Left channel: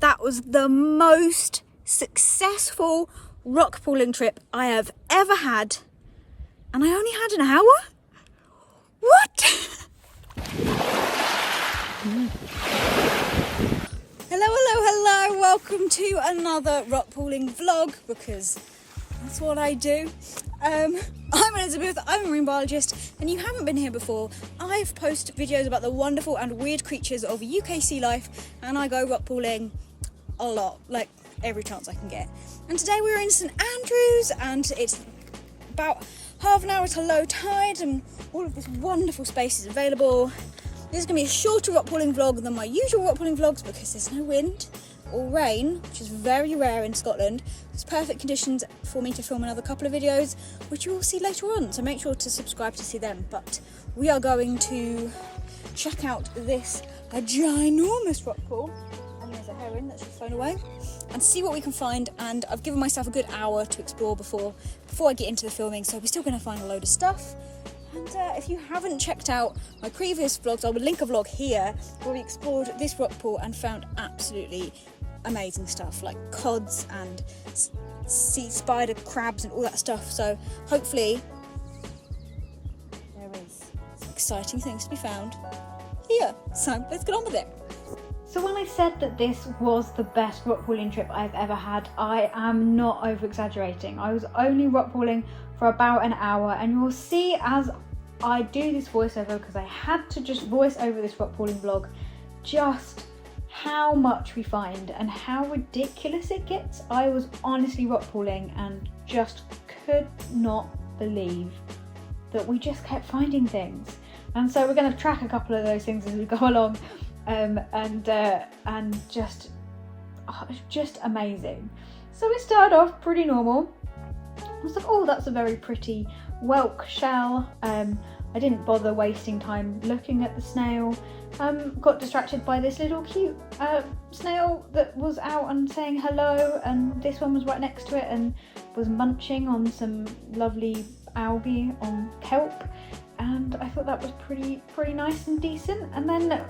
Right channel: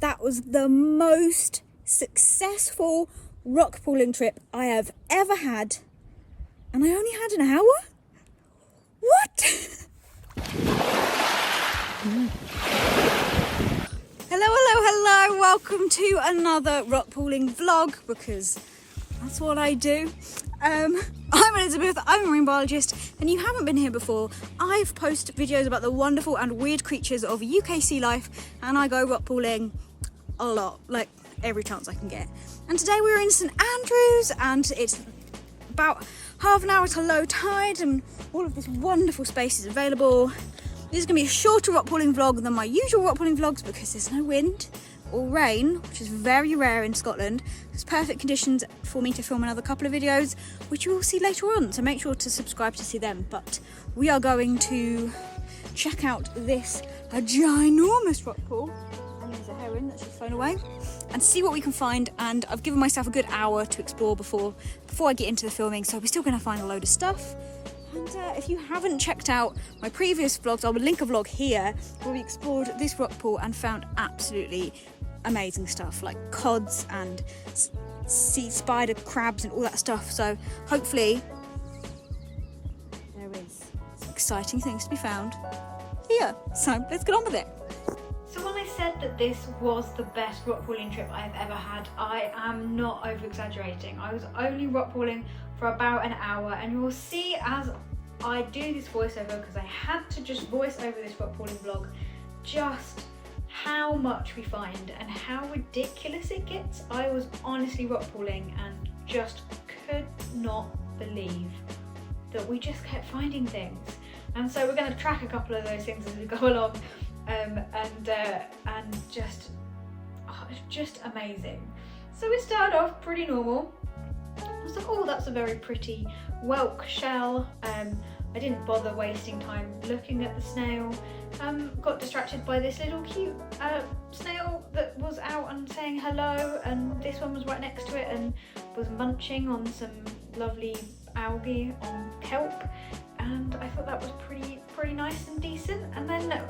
That was the most successful rock pooling trip I have ever had, and I only had an hour? What? Hello, welcome to another rock pooling vlog, because that's what I do. I'm Elizabeth, I'm a marine biologist, and you haven't been here before. I've posted videos about the wonderful and weird creatures of UK sea life, and I go rock pooling a lot, like every chance I can get. And today we're in St Andrews, and it's about half an hour to low tide, and all of this wonderful space is available. This is going to be a shorter rock pooling vlog than my usual rock pooling vlogs because there's no wind or rain, which is very rare in Scotland. It's perfect conditions for me to film another couple of videos, which you will see later on, so make sure to subscribe to see them. But we are going to check out this ginormous rock pool, and there's a heron that's just flown away, and see what we can find. And I've given myself a good hour to explore before I get into the filming, so we're still going to find a load of stuff. And if you haven't checked out my previous vlogs, I will link a vlog here where we explored this rock pool and found absolutely amazing stuff like cods and sea spider crabs and all that stuff. So hopefully there is some exciting things to be found here. So let's get on with it. So when I said that this was the best rock pooling trip I've ever had, I am not over exaggerating. I was only rock pooling for about an hour, and you'll see as I do this voiceover, because I had to just voice over this rock pooling vlog, just how much we find and how ridiculous it gets. I was honestly rock pooling and just could not believe that we just kept finding things. And so we're going to track a couple of those things as we go along, and just amazing. So we started off pretty normal. I was like, oh, that's a very pretty whelk shell. I didn't bother wasting time looking at the snail. Got distracted by this little cute snail that was out and saying hello, and this one was right next to it and was munching on some lovely algae on kelp, and I thought that was pretty nice and decent. And then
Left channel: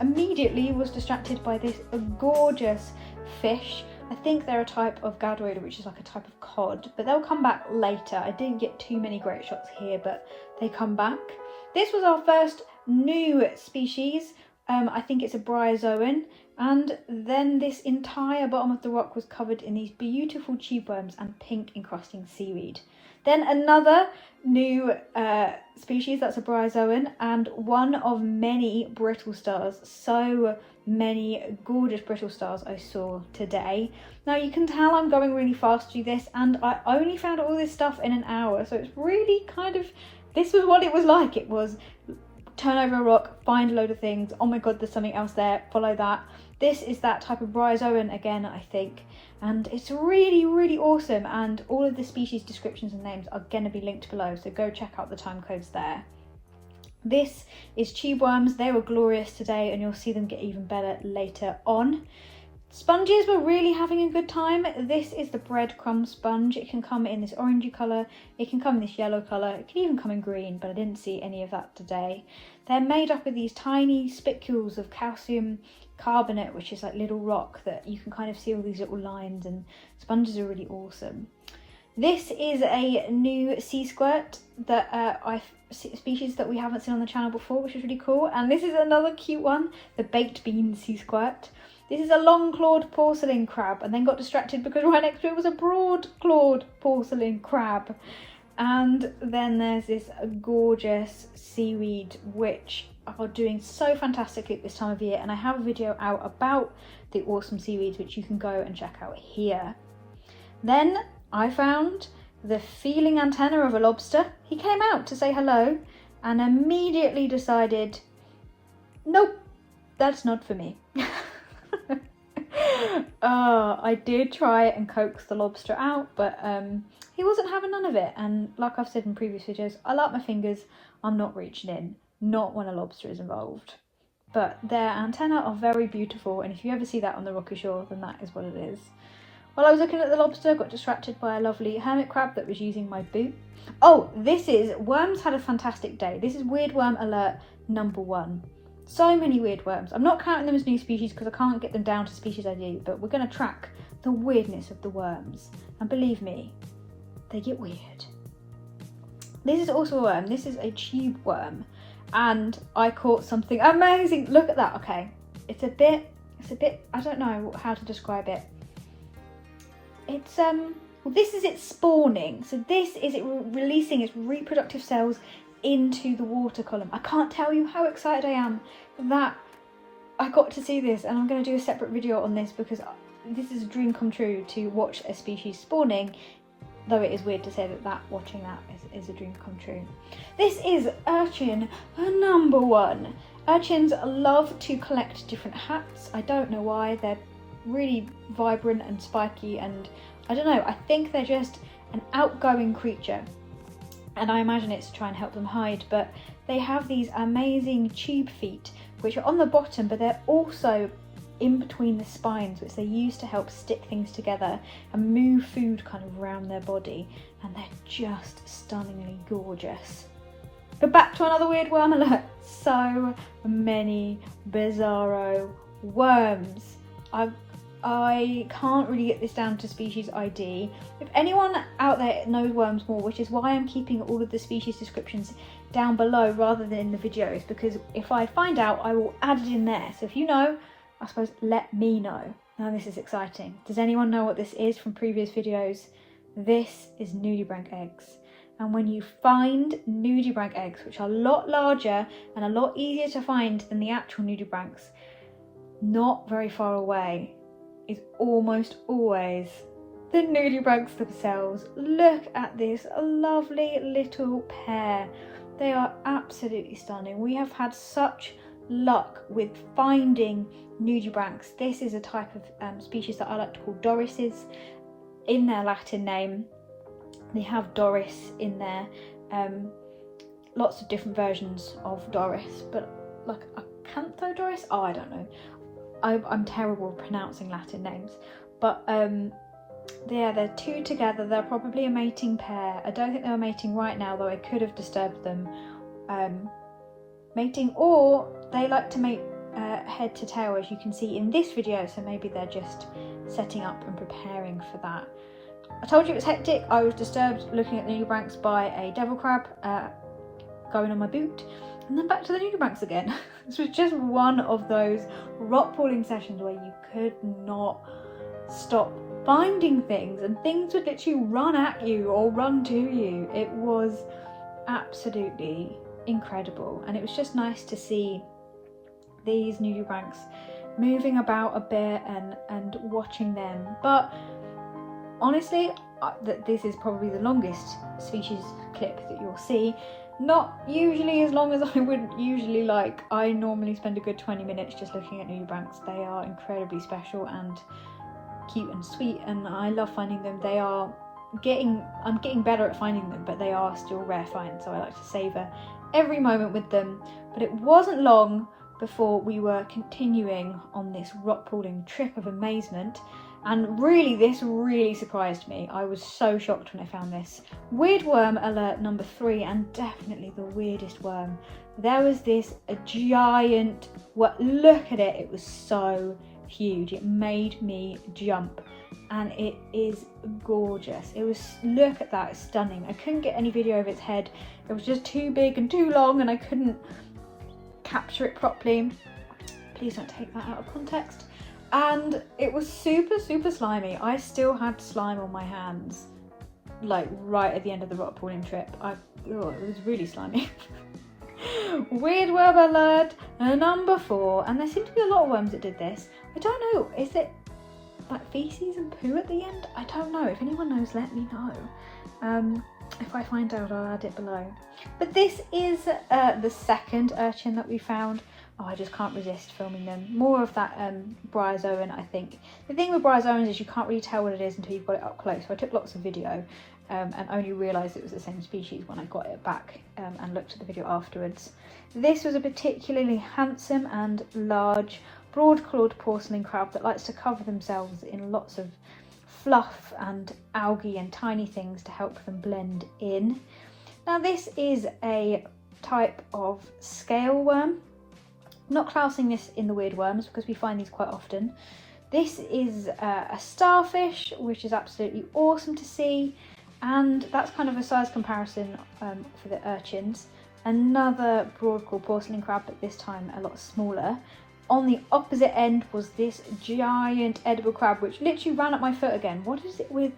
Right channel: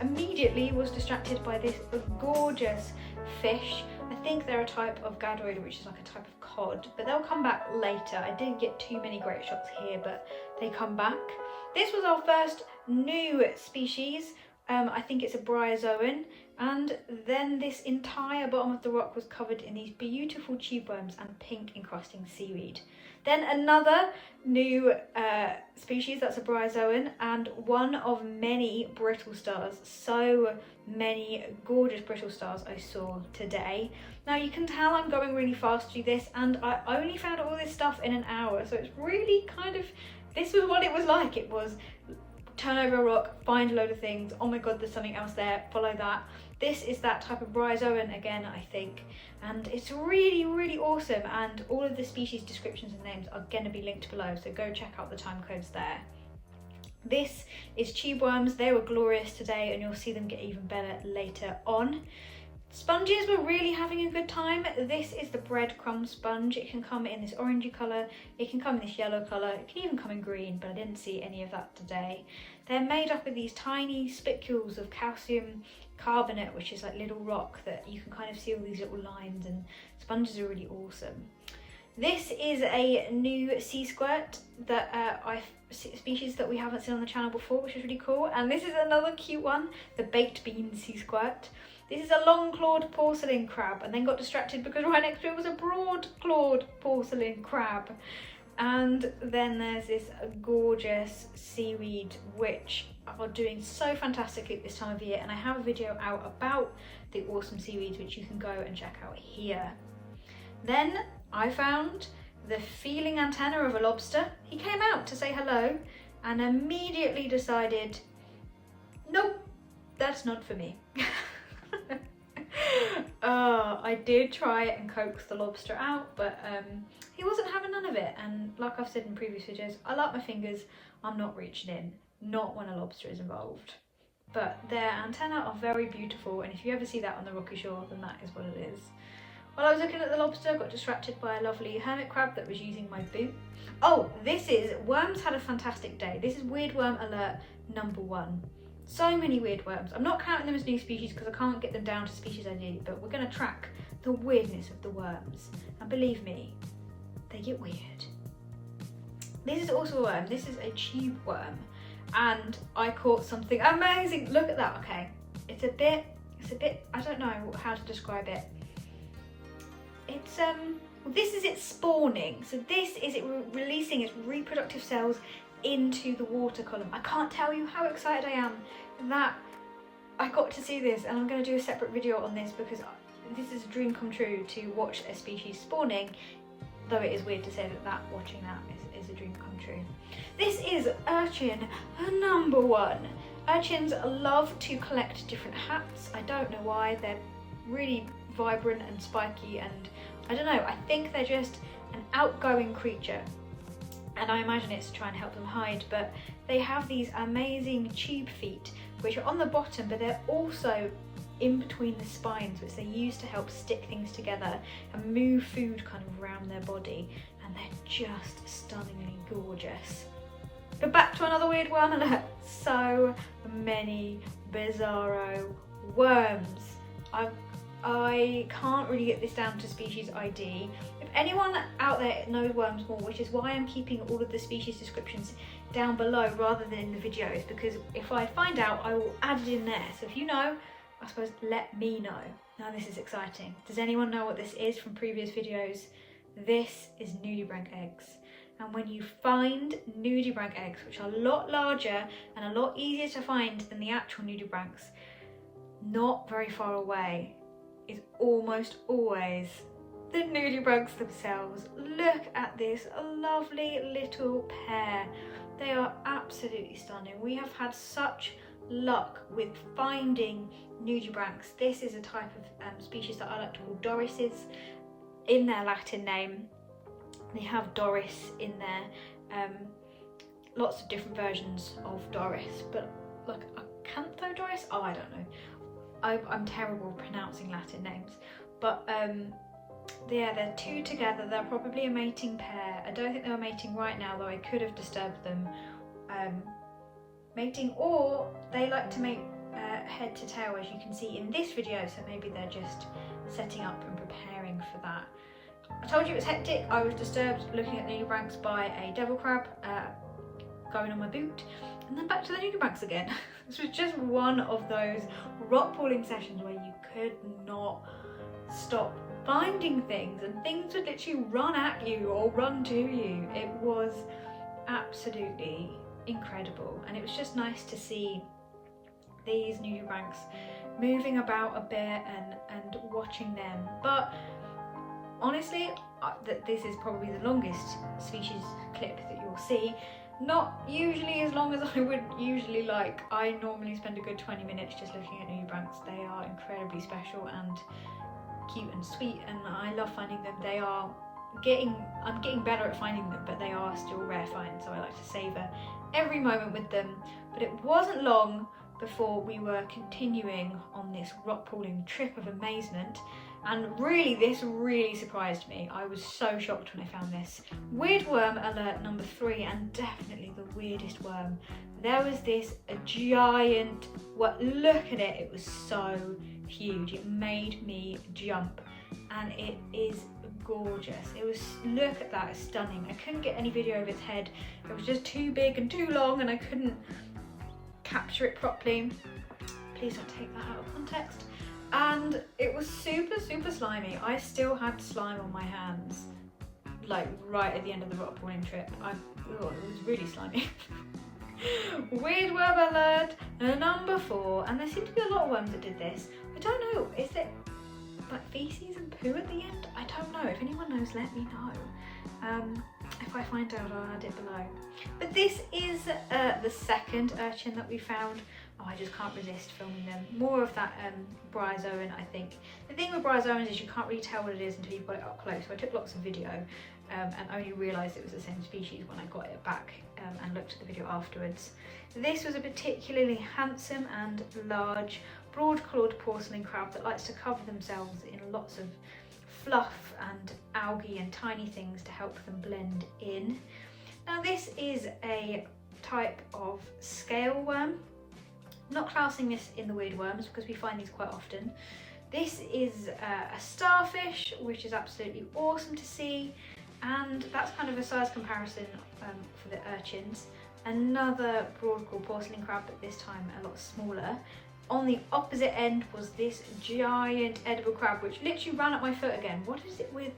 immediately was distracted by this gorgeous fish. I think they're a type of gadroider, which is like a type of cod, but they'll come back later. I didn't get too many great shots here, but they come back. This was our first new species. I think it's a bryozoan, and then this entire bottom of the rock was covered in these beautiful tube worms and pink encrusting seaweed. Then another new species, that's a bryozoan, and one of many brittle stars. So many gorgeous brittle stars I saw today. Now you can tell I'm going really fast through this, and I only found all this stuff in an hour, so it's really kind of, this was what it was like. It was turn over a rock, find a load of things, oh my god, there's something else there, follow that. This is that type of bryozoan again, I think, and it's really awesome, and all of the species descriptions and names are going to be linked below, so go check out the time codes there. This is tube worms. They were glorious today, and you'll see them get even better later on. Sponges were really having a good time. This is the breadcrumb sponge. It can come in this orangey colour, it can come in this yellow colour, it can even come in green, but I didn't see any of that today. They're made up of these tiny spicules of calcium carbonate, which is like little rock that you can kind of see all these little lines, and sponges are really awesome. This is a new sea squirt that species that we haven't seen on the channel before, which is really cool. And this is another cute one, the baked bean sea squirt. This is a long-clawed porcelain crab, and then got distracted because right next to it was a broad-clawed porcelain crab. And then there's this gorgeous seaweed, which are doing so fantastically at this time of year, and I have a video out about the awesome seaweeds, which you can go and check out here. Then I found the feeling antenna of a lobster. He came out to say hello and immediately decided, nope, that's not for me. I did try and coax the lobster out, but he wasn't having none of it. And like I've said in previous videos, I like my fingers, I'm not reaching in, not when a lobster is involved. But their antennae are very beautiful, and if you ever see that on the rocky shore, then that is what it is. While I was looking at the lobster, I got distracted by a lovely hermit crab that was using my boot. Oh, this is, worms had a fantastic day. This is weird worm alert number 1. So many weird worms. I'm not counting them as new species because I can't get them down to species ID, but we're going to track the weirdness of the worms. And believe me, they get weird. This is also a worm. This is a tube worm. And I caught something amazing. Look at that. Okay. It's a bit, I don't know how to describe it. It's, well, this is it spawning. So this is it releasing its reproductive cells into the water column. I can't tell you how excited I am that I got to see this, and I'm going to do a separate video on this because this is a dream come true to watch a species spawning, though it is weird to say that watching that is a dream come true. This is urchin number 1. Urchins love to collect different hats. I don't know why. They're really vibrant and spiky, and I don't know, I think they're just an outgoing creature. And I imagine it's to try and help them hide, but they have these amazing tube feet, which are on the bottom, but they're also in between the spines, which they use to help stick things together and move food kind of around their body. And they're just stunningly gorgeous. But back to another weird worm alert. So many bizarro worms. I can't really get this down to species ID. If anyone out there knows worms more, which is why I'm keeping all of the species descriptions down below rather than in the videos, because if I find out, I will add it in there. So if you know, I suppose let me know. Now this is exciting. Does anyone know what this is from previous videos? This is nudibranch eggs. And when you find nudibranch eggs, which are a lot larger and a lot easier to find than the actual nudibranchs, not very far away is almost always the nudibranchs themselves. Look at this lovely little pair. They are absolutely stunning. We have had such luck with finding nudibranchs. This is a type of species that I like to call dorises in their Latin name. They have Doris in there. Lots of different versions of Doris, but like Acanthodoris? Oh, I don't know. I'm terrible at pronouncing Latin names, but yeah, they're two together. They're probably a mating pair. I don't think they're mating right now, though I could have disturbed them mating, or they like to mate head to tail, as you can see in this video, so maybe they're just setting up and preparing for that. I told you it was hectic. I was disturbed looking at nudibranchs by a devil crab going on my boot, and then back to the nudibranchs again. This was just one of those rock pooling sessions where you could not stop finding things, and things would literally run at you or run to you. It was absolutely incredible, and it was just nice to see these nudibranchs moving about a bit and watching them. But honestly, this is probably the longest species clip that you'll see. Not usually as long as I would usually like. I normally spend a good 20 minutes just looking at nudibranchs. They are incredibly special and cute and sweet, and I love finding them. I'm getting better at finding them, but they are still rare finds, so I like to savour every moment with them. But it wasn't long before we were continuing on this rock pooling trip of amazement. And really, this really surprised me. I was so shocked when I found this. Weird worm alert number 3, and definitely the weirdest worm. There was this giant, look at it, it was so huge. It made me jump, and it is gorgeous. It was, look at that, it's stunning. I couldn't get any video of its head. It was just too big and too long, and I couldn't capture it properly. Please don't take that out of context. And it was super slimy. I still had slime on my hands, like right at the end of the rock pooling trip. It was really slimy. Weird worm alert number 4, and there seem to be a lot of worms that did this. I don't know, is it like feces and poo at the end? I don't know. If anyone knows, let me know. If I find out, I'll add it below. But this is the second urchin that we found. Oh, I just can't resist filming them. More of that bryozoan, I think. The thing with bryozoans is you can't really tell what it is until you've got it up close. So I took lots of video and only realised it was the same species when I got it back and looked at the video afterwards. This was a particularly handsome and large broad-clawed porcelain crab that likes to cover themselves in lots of fluff and algae and tiny things to help them blend in. Now this is a type of scale worm. not classing this in the weird worms because we find these quite often. This is a starfish, which is absolutely awesome to see, and that's kind of a size comparison for the urchins. Another broadclaw porcelain crab, but this time a lot smaller. On the opposite end was this giant edible crab, which literally ran up my foot again. What is it with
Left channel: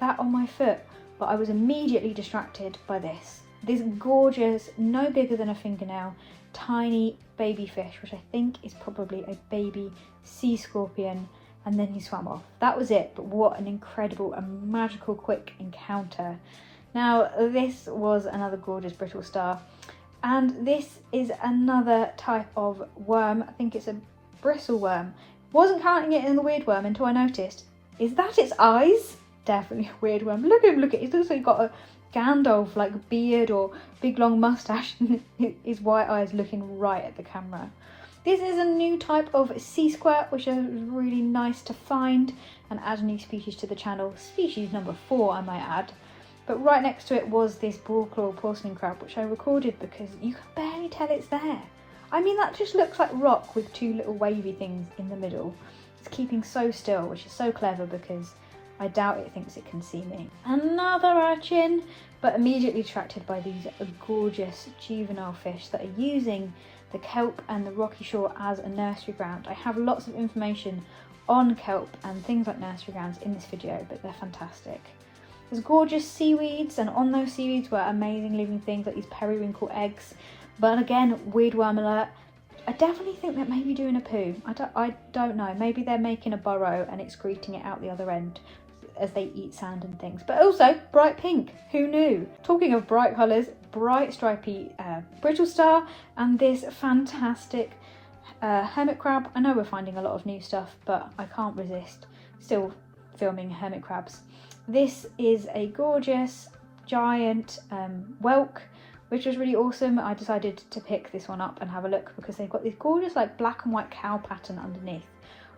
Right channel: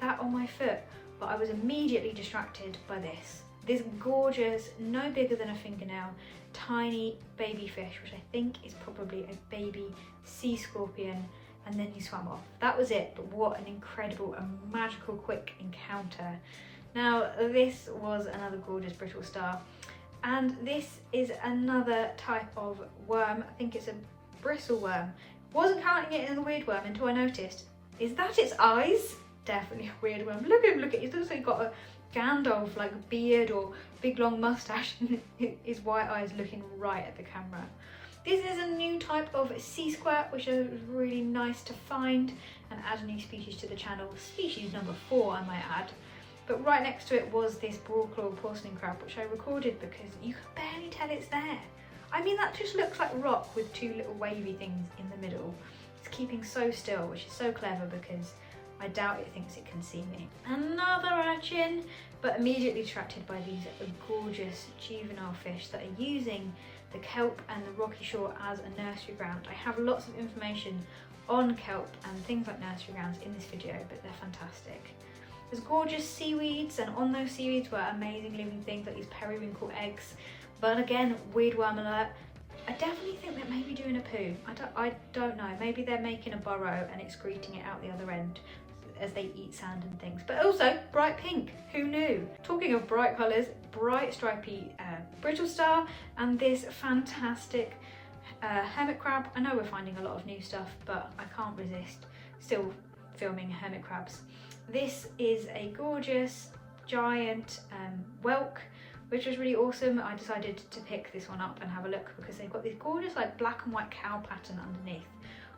that on my foot? But I was immediately distracted by this. This gorgeous, no bigger than a fingernail, tiny baby fish, which I think is probably a baby sea scorpion, and then he swam off. That was it, but what an incredible and magical quick encounter. Now, this was another gorgeous brittle star, and this is another type of worm. I think it's a bristle worm. Wasn't counting it in the weird worm until I noticed, is that its eyes? Definitely a weird worm. Look at him, look at it. He's also got a Gandalf like beard or big long mustache and his white eyes looking right at the camera. This is a new type of sea squirt, which is really nice to find and add a new species to the channel. Species number 4, I might add. But right next to it was this broadclaw porcelain crab, which I recorded because you can barely tell it's there. I mean, that just looks like rock with 2 little wavy things in the middle. It's keeping so still, which is so clever because I doubt it thinks it can see me. Another urchin, but immediately attracted by these gorgeous juvenile fish that are using the kelp and the rocky shore as a nursery ground. I have lots of information on kelp and things like nursery grounds in this video, but they're fantastic. There's gorgeous seaweeds, and on those seaweeds were amazing living things like these periwinkle eggs. But again, weird worm alert. I definitely think that maybe doing a poo. I don't know. Maybe they're making a burrow and excreting it out the other end as they eat sand and things. But also bright pink. Who knew? Talking of bright colours, bright stripy brittle star, and this fantastic hermit crab. I know we're finding a lot of new stuff, but I can't resist still filming hermit crabs. This is a gorgeous giant whelk, which was really awesome. I decided to pick this one up and have a look because they've got this gorgeous like black and white cow pattern underneath,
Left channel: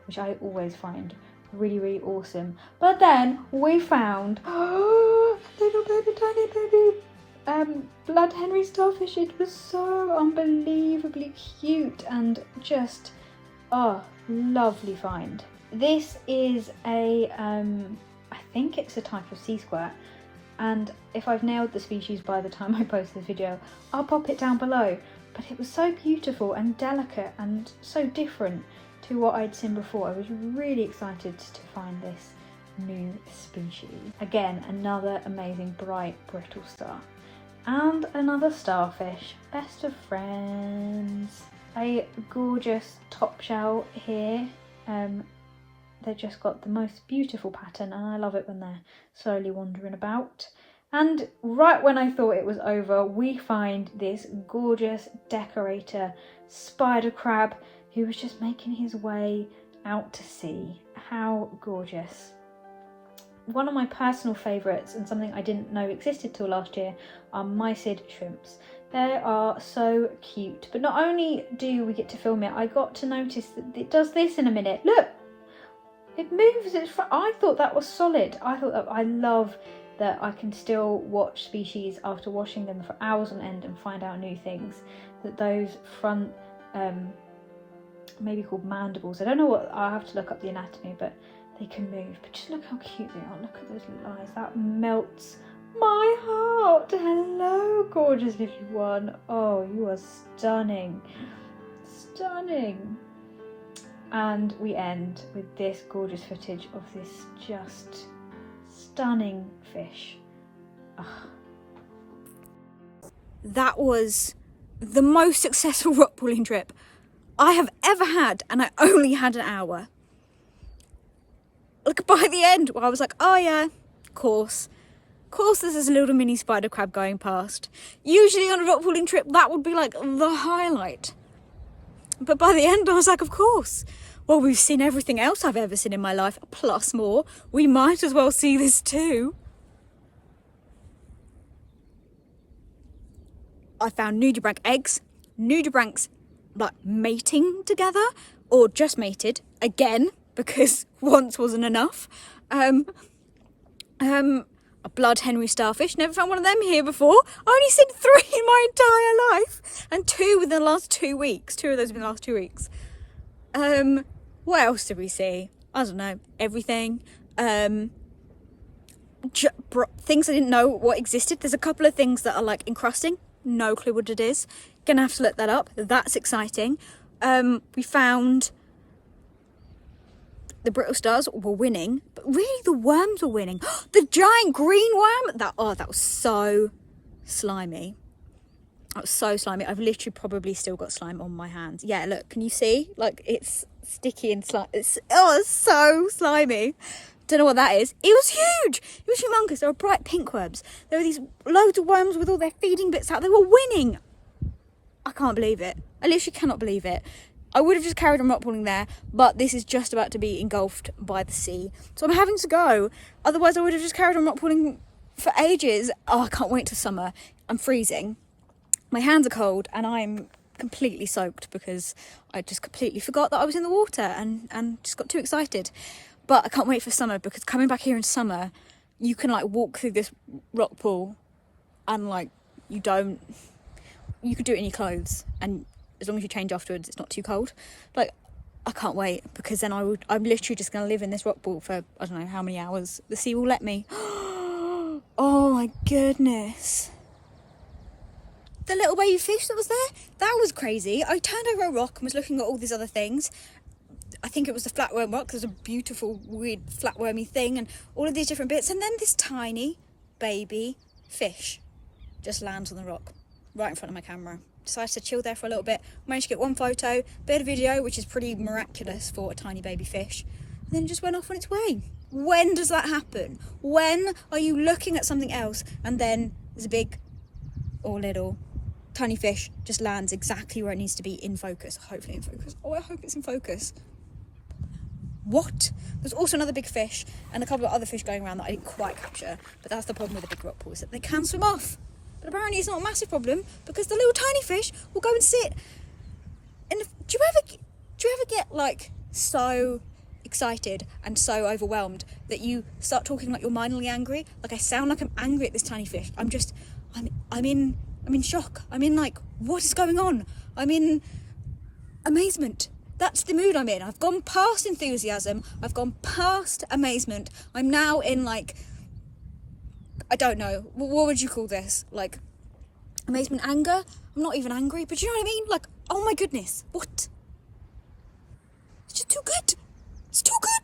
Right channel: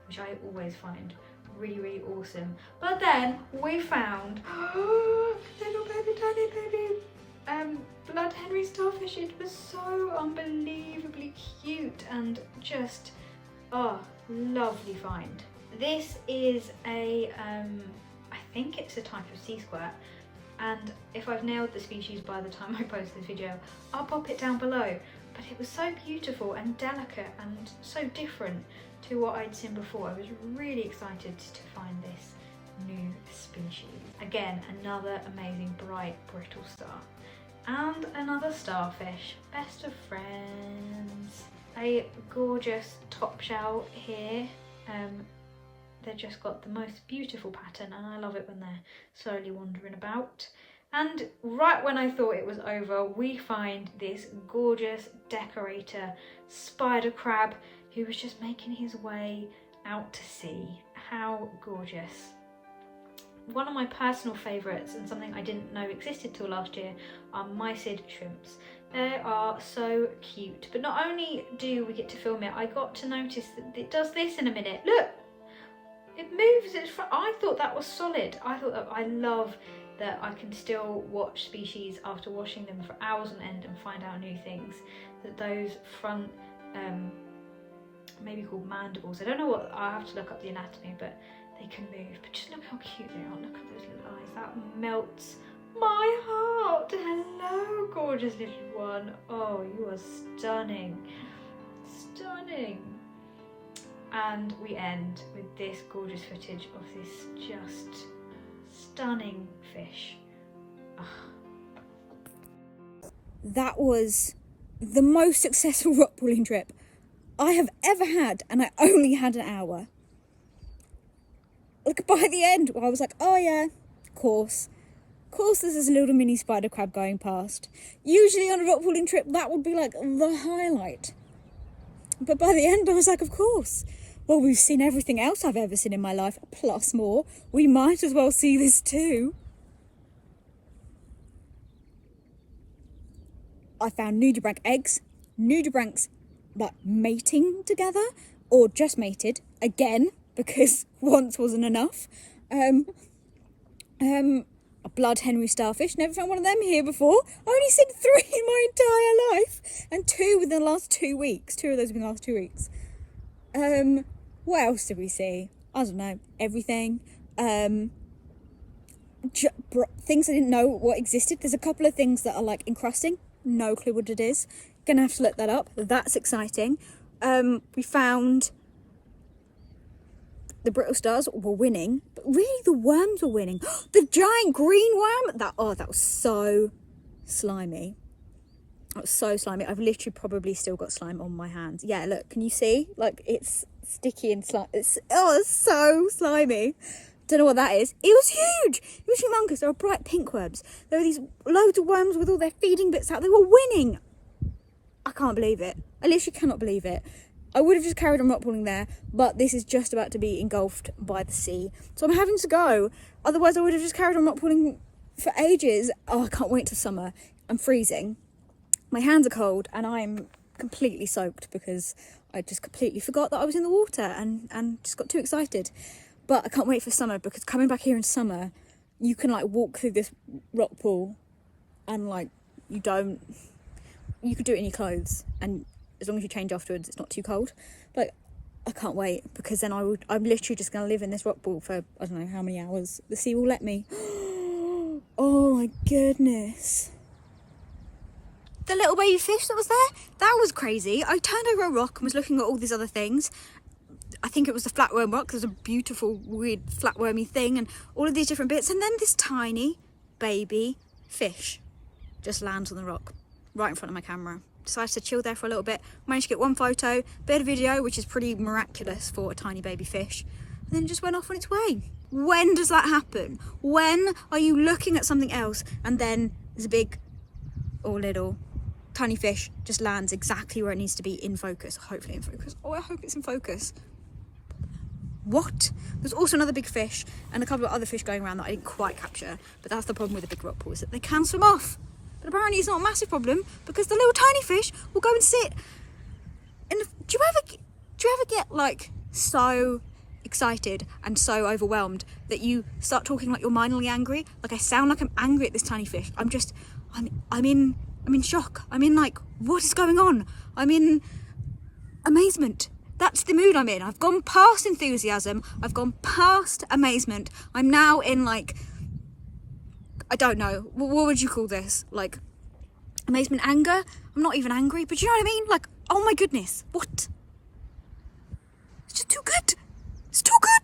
which I always find really, really awesome. But then we found little baby, tiny baby blood Henry starfish. It was so unbelievably cute and just lovely find. This is a I think it's a type of sea squirt, and if I've nailed the species by the time I post this video, I'll pop it down below. But it was so beautiful and delicate and so different to what I'd seen before. I was really excited to find this new species. Again, another amazing bright brittle star. And another starfish, best of friends. A gorgeous top shell here. They've just got the most beautiful pattern, and I love it when they're slowly wandering about. And right when I thought it was over, we find this gorgeous decorator spider crab who was just making his way out to sea. How gorgeous. One of my personal favourites, and something I didn't know existed till last year, are mysid shrimps. They are so cute. But not only do we get to film it, I got to notice that it does this in a minute. Look! It moves. I thought that was solid. I love that I can still watch species after washing them for hours on end and find out new things. That those front, maybe called mandibles, I don't know what, I'll have to look up the anatomy, but they can move. But just look how cute they are. Look at those little eyes. That melts my heart. Hello, gorgeous little one. Oh, you are stunning. Stunning. And we end with this gorgeous footage of this just stunning fish. Ugh. That was the most successful rock pooling trip I have ever had, and I only had an hour. Look, by the end, I was like, oh yeah, of course there's this little mini spider crab going past. Usually on a rock pooling trip, that would be like the highlight. But by the end, I was like, of course. Well, we've seen everything else I've ever seen in my life, plus more. We might as well see this too. I found nudibranch eggs, nudibranchs like mating together, or just mated, again, because once wasn't enough. I a blood Henry starfish. Never found one of them here before. I only seen 3 in my entire life, and 2 within the last 2 weeks. 2 of those within the last 2 weeks. What else did we see? I don't know. Everything. Things I didn't know what existed. There's a couple of things that are like encrusting. No clue what it is. Gonna have to look that up. That's exciting. We found the brittle stars were winning, but really the worms were winning. The giant green worm, that was so slimy. That was so slimy. I've literally probably still got slime on my hands. Yeah, look, can you see? Like, it's sticky and slimy. It's so slimy. Don't know what that is. It was huge. It was humongous. There were bright pink worms. There were these loads of worms with all their feeding bits out. They were winning. I can't believe it. I literally cannot believe it. I would have just carried on rock pooling there, but this is just about to be engulfed by the sea. So I'm having to go. Otherwise, I would have just carried on rock pooling for ages. Oh, I can't wait till summer. I'm freezing. My hands are cold and I'm completely soaked because I just completely forgot that I was in the water and just got too excited. But I can't wait for summer, because coming back here in summer, you can like walk through this rock pool and like you could do it in your clothes, and as long as you change afterwards, it's not too cold. Like, I can't wait, because then I'm literally just going to live in this rock pool for I don't know how many hours the sea will let me. Oh my goodness. The little baby fish that was there, that was crazy. I turned over a rock and was looking at all these other things. I think it was the flatworm rock. There's a beautiful, weird, flatwormy thing and all of these different bits. And then this tiny baby fish just lands on the rock right in front of my camera. Decided to chill there for a little bit. Managed to get one photo, bit of video, which is pretty miraculous for a tiny baby fish. And then it just went off on its way. When does that happen? When are you looking at something else and then there's a big or little tiny fish just lands exactly where it needs to be, in focus? Hopefully in focus. Oh, I hope it's in focus. What? There's also another big fish and a couple of other fish going around that I didn't quite capture, but that's the problem with the big rock pool, is that they can swim off. But apparently it's not a massive problem, because the little tiny fish will go and sit in the... Do you ever get like so excited and so overwhelmed that you start talking like you're mildly angry? Like, I sound like I'm angry at this tiny fish. I'm in shock. I'm in like, what is going on? I'm in amazement. That's the mood I'm in. I've gone past enthusiasm. I've gone past amazement. I'm now in like, I don't know, what would you call this? Like, amazement, anger? I'm not even angry, but you know what I mean? Like, oh my goodness, what? It's just too good. It's too good.